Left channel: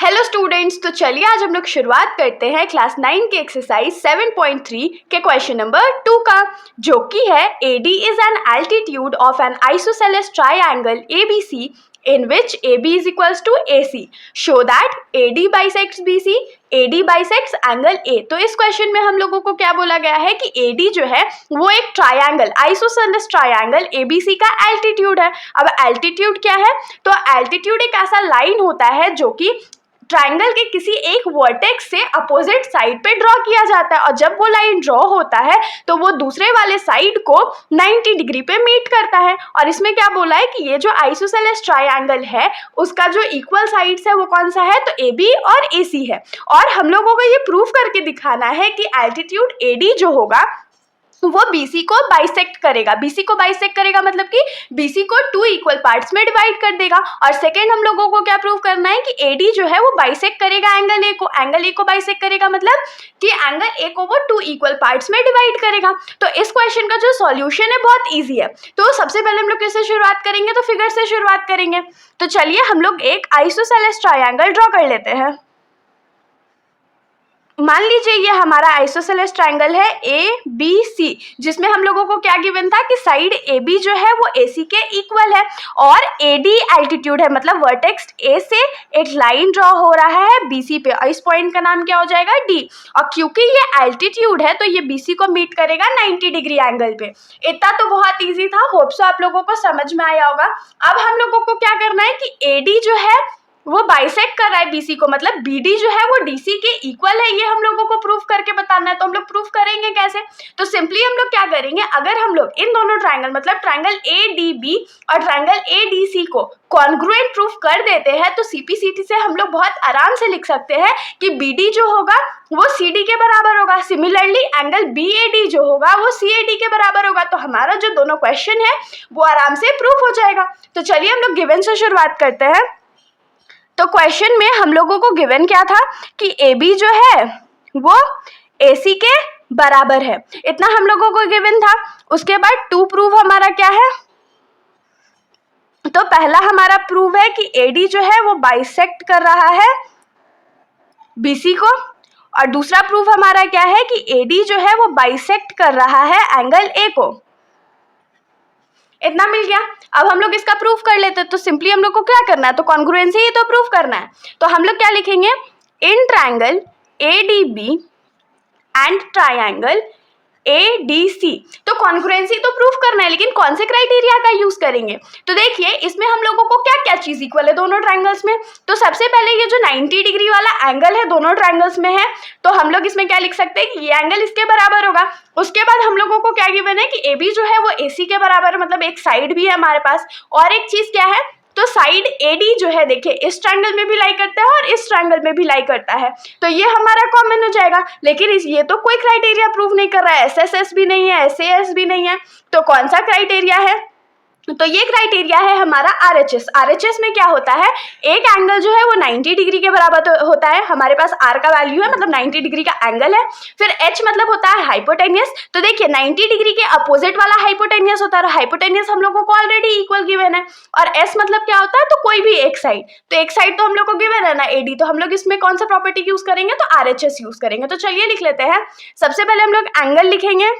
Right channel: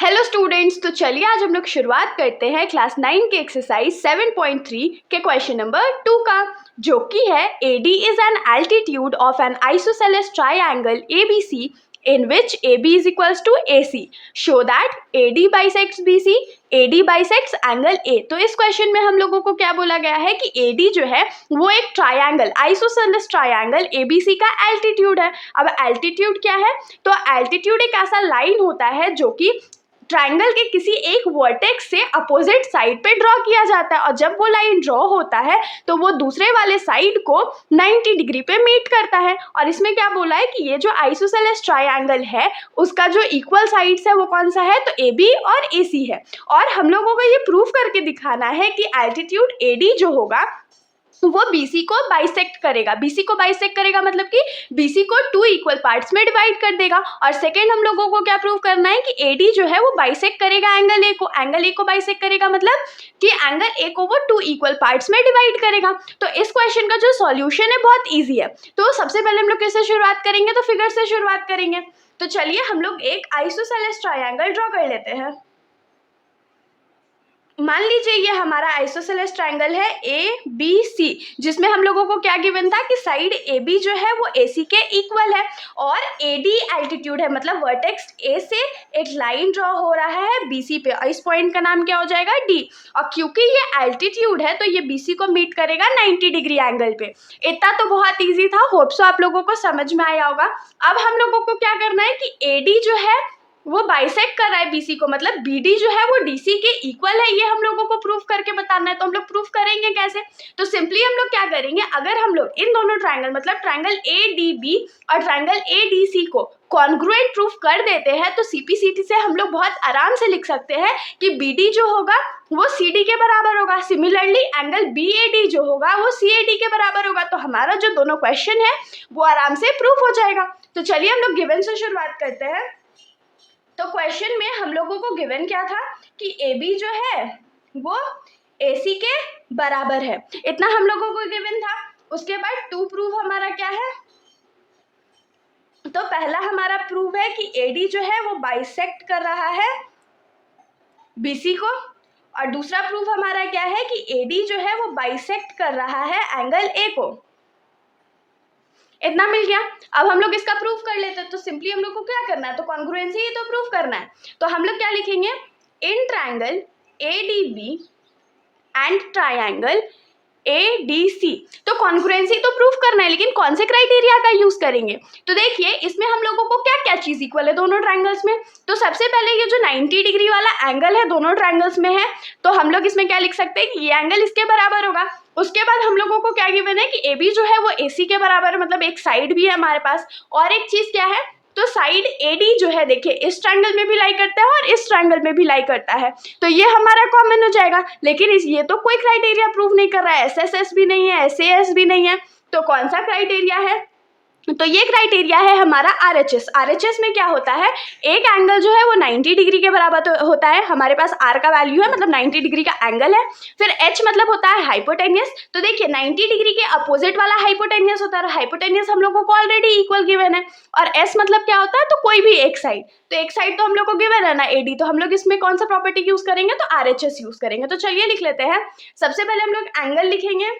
Hello students, तो चलिए आज हम लोग शुरुआत करते हैं क्लास 9 के एक्सरसाइज 7.3 के क्वेश्चन नंबर 2 का, जो कि है AD is an altitude of N isosceles triangle ABC in which AB is equals to AC. Show that AD bisects BC, AD bisects angle A. तो इस क्वेश्चन में हम लोगों को क्या बोला गया है कि AD जो है वो एक ट्राइंगल आइसोसेलेस ट्राइंगल ABC का एल्टीट्यूड है। अब एल्टीट्यूड क्या है? तो एल्टीट्यूड एक ऐसा लाइन होता है जो कि ट्राइंगल के किसी एक वर्टेक्स से अपोजिट साइड पे ड्रॉ किया जाता है, और जब वो लाइन ड्रॉ होता है तो वो दूसरे वाले साइड को 90 डिग्री पे मीट करता है। और इसमें क्या बोला है कि ये जो आइसोसेलेस ट्राइंगल है उसका जो इक्वल साइड्स है वो कौन सा है? तो AB और AC है। और हम लोगों को ये प्रूफ करके दिखाना है कि एल्टीट्यूड AD जो होगा वो BC को बाइसेक्ट करेगा। BC को बाइसेक्ट करेगा मतलब कि BC को 2 इक्वल पार्ट्स में डिवाइड कर देगा। और सेकेंड हम लोगों को क्या प्रूव करना है कि AD जो है वो बाइसेक्ट करेगा एंगल A को। एंगल A को बाइसेक्ट करेगा मतलब कि एंगल A को वो 2 इक्वल पार्ट्स में डिवाइड करेगा। तो इस क्वेश्चन का जो सॉल्यूशन है बहुत ईजी है। तो सबसे पहले हम लोग कैसे शुरुआत करेंगे? तो फिगर से शुरुआत करेंगे। तो चलिए हम लोग एक आइसोसेलेस ट्राइंगल ड्रॉ कर लेते हैं। मान लीजिए ये हमारा आइसोसेलेस ट्राइंगल है ABC, जिसमें हम लोगों को क्या गिवन था कि साइड AB जो है वो AC के इक्वल है और AD एल्टीट्यूड है, मतलब वर्टेक्स A से एक लाइन ड्रॉ हो रहा है BC पे, और इस पॉइंट का नाम क्या हो जाएगा? D। और क्योंकि ये एल्टीट्यूड है तो ये BC को मीट करेगा 90 डिग्री एंगल पे। इतना तो बहुत ईजी था, होप सो आप लोगों को समझ में आया होगा। अब हम लोगों को क्या करना है कि AD जो है वो बाइसेक्ट कर रहा है BC को, मतलब BD जो है वो DC के इक्वल है, ये हम लोगों को प्रूफ करके बताना है। तो हम लोग प्रूफ करेंगे कैसे? तो सिंपली हम लोग क्या करेंगे, अगर हम लोग इन दोनों ट्राइंगल मतलब ट्राइंगल ADB और ट्राइंगल ADC को कॉन्ग्रुएंट प्रूफ कर देते हैं तो CPCT से हम लोग बहुत आराम से लिख सकते हैं कि BD जो होगा वो CD के बराबर होगा। सिमिलरली एंगल BAD जो होगा वो CAD के बराबर होगा। तो हमारा जो दोनों क्वेश्चन है वो आराम से प्रूफ हो जाएगा। तो चलिए हम लोग गिवन से शुरुआत करते हैं। तो क्वेश्चन में हम लोगों को गिवन क्या था कि AB जो है वो AC के बराबर है, इतना हम लोगों को गिवन था। उसके बाद 2 प्रूफ हमारा क्या है? तो पहला हमारा प्रूफ है कि AD जो है वो बाइसेक्ट कर रहा है BC को, और दूसरा प्रूफ हमारा क्या है कि AD जो है वो बाइसेक्ट कर रहा है एंगल A को। इतना मिल गया। अब हम लोग इसका प्रूफ कर लेते हैं। तो सिंपली हम लोग को क्या करना है? तो कॉन्ग्रुएंसी ही तो प्रूफ करना है। तो हम लोग क्या लिखेंगे? In triangle ADB and triangle ADC। तो कॉन्ग्रुएंसी तो प्रूफ करना है, लेकिन कौन से क्राइटेरिया का यूज करेंगे? तो देखिए इसमें हम लोगों को क्या क्या चीज इक्वल है दोनों ट्राइंगल्स में। तो सबसे पहले ये जो 90 डिग्री वाला एंगल है दोनों ट्राइंगल्स में है, तो हम लोग इसमें क्या लिख सकते हैं कि ये एंगल इसके बराबर होगा। उसके बाद हम लोगों को क्या गिवन है कि AB जो है वो AC के बराबर है, मतलब एक साइड भी है हमारे पास। और एक चीज क्या है? तो साइड AD जो है देखिए इस ट्रायंगल में भी लाई करता है और इस ट्रायंगल में भी लाई करता है, तो ये हमारा कॉमन हो जाएगा। लेकिन ये तो कोई क्राइटेरिया प्रूव नहीं कर रहा है, SSS भी नहीं है, SAS भी नहीं है, तो कौन सा क्राइटेरिया है? तो ये क्राइटेरिया है हमारा RHS। RHS में क्या होता है? एक एंगल जो है वो 90 डिग्री के बराबर तो होता है, हमारे पास R का वैल्यू है, मतलब 90 डिग्री का एंगल है। फिर H मतलब होता है हाइपोटेनियस। तो देखिए 90 डिग्री के अपोजिट वाला हाइपोटेनियस होता है, और हाइपोटेनियस हम लोगों को ऑलरेडी इक्वल गिवन है। और S मतलब क्या होता है? तो कोई भी एक साइड, तो एक साइड तो हम लोग को गिवन है ना AD, तो हम लोग इसमें कौन सा प्रॉपर्टी यूज करेंगे? तो RHS यूज करेंगे। तो चलिए लिख लेते हैं। सबसे पहले हम लोग एंगल लिखेंगे,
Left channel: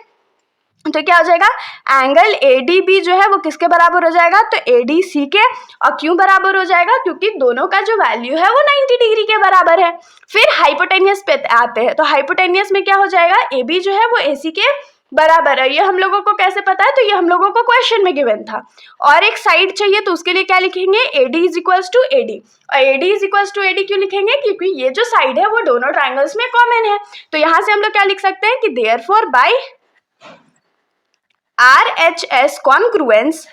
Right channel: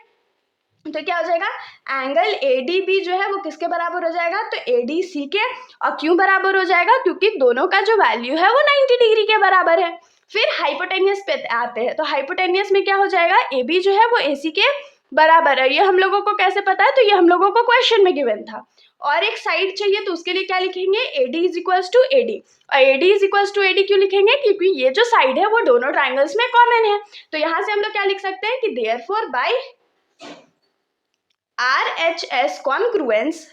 तो क्या हो जाएगा? एंगल ADB जो है वो किसके बराबर हो जाएगा? तो ADC के। और क्यों बराबर हो जाएगा? क्योंकि दोनों का जो वैल्यू है वो 90 डिग्री के बराबर है। फिर हाइपोटेनियस पे आते हैं। तो हाइपोटेनियस में क्या हो जाएगा? AB जो है वो AC के बराबर है। ये हम लोगों को कैसे पता है? तो ये हम लोगों को क्वेश्चन में गिवन था। और एक साइड चाहिए, तो उसके लिए क्या लिखेंगे? AD is equals to AD। और AD is equals to AD क्यों लिखेंगे? क्योंकि ये जो साइड है वो दोनों ट्राइंगल्स में कॉमन है। तो यहाँ से हम लोग क्या लिख सकते हैं कि therefore by RHS congruence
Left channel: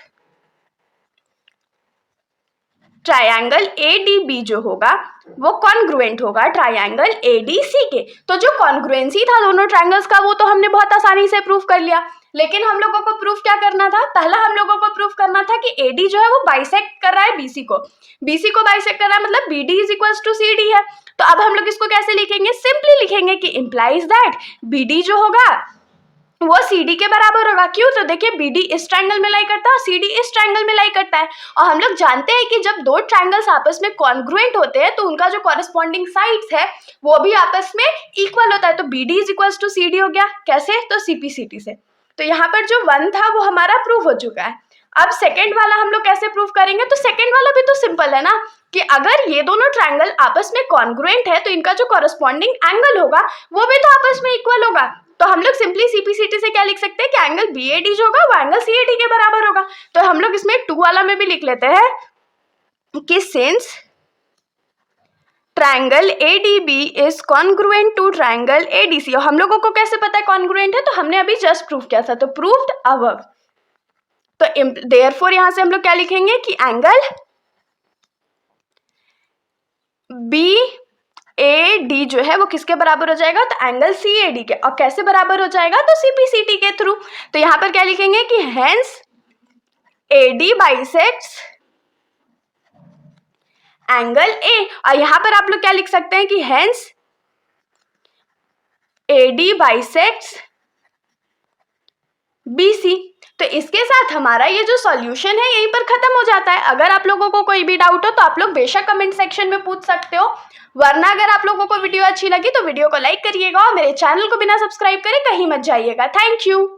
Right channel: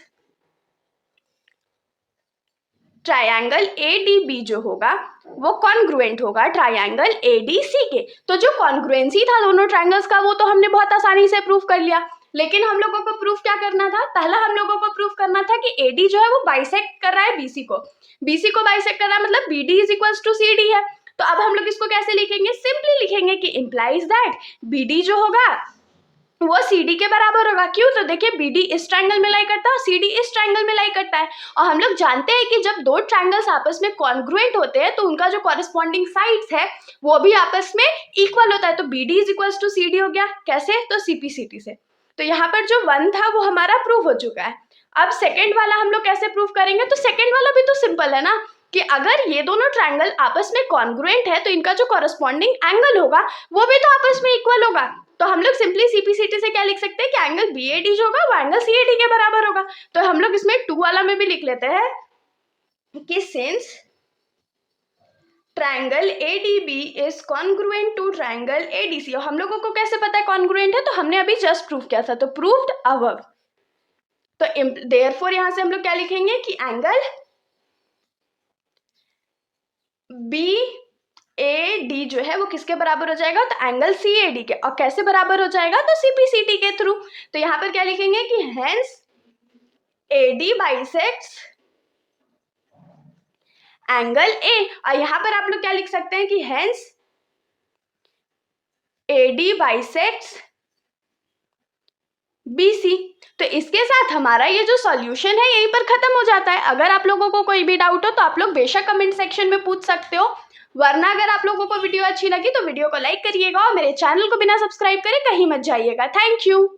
triangle ADB जो होगा वो कॉन्ग्रुएंट होगा ट्राइंगल ADC के। तो जो कॉन्ग्रुएंसी था दोनों ट्राइंगल्स का वो तो हमने बहुत आसानी से प्रूफ कर लिया, लेकिन हम लोगों को प्रूफ क्या करना था? पहला हम लोगों को प्रूफ करना था कि AD जो है वो बाइसेक्ट कर रहा है BC को। BC को बाइसेक्ट कर रहा है मतलब BD is equals to CD है। तो अब हम लोग इसको कैसे लिखेंगे? सिंपली लिखेंगे कि इम्प्लाइज दैट BD जो होगा वो CD के बराबर होगा। क्यों? तो देखिए BD इस ट्रायंगल में लाई करता है और CD इस ट्रायंगल में लाई करता है, और हम लोग जानते हैं कि जब दो ट्रायंगल्स आपस में कॉन्ग्रुएंट होते हैं तो उनका जो कॉरेस्पॉन्डिंग साइड्स है वो भी आपस में इक्वल होता है। तो BD is equals to CD हो गया। कैसे? तो CP/CT से। तो यहाँ पर जो 1 था वो हमारा प्रूव हो चुका है। अब सेकेंड वाला हम लोग कैसे प्रूव करेंगे? तो सेकेंड वाला भी तो सिंपल है ना, कि अगर ये दोनों ट्रायंगल आपस में कॉन्ग्रुएंट है तो इनका जो कॉरेस्पॉन्डिंग एंगल होगा वो भी तो आपस में इक्वल होगा। तो हम लोग सिंपली CP/CT से क्या लिख सकते हैं कि एंगल BAD जो होगा वो एंगल CAD के बराबर होगा। तो हम लोग इसमें 2 वाला में भी लिख लेते हैं कि since triangle ADB is congruent to triangle ADC। और हम लोगों को कैसे पता है कॉन्ग्रुएंट है? तो हमने अभी जस्ट प्रूव किया था, तो प्रूव्ड अबव। तो देयरफॉर यहां से हम लोग क्या लिखेंगे कि एंगल BAD जो है वो किसके बराबर हो जाएगा? तो एंगल CAD के। और कैसे बराबर हो जाएगा? तो CP/CT के थ्रू। तो यहां पर क्या लिखेंगे कि hence AD bisects angle A। और यहां पर आप लोग क्या लिख सकते हैं कि हेंस AD बाइसेक्ट्स BC। तो इसके साथ हमारा ये जो सॉल्यूशन है यहीं पर खत्म हो जाता है। अगर आप लोगों को कोई भी डाउट हो तो आप लोग बेशक कमेंट सेक्शन में पूछ सकते हो, वरना अगर आप लोगों को वीडियो अच्छी लगी तो वीडियो को लाइक करिएगा और मेरे चैनल को बिना सब्सक्राइब करे कहीं मत जाइएगा। Thank you.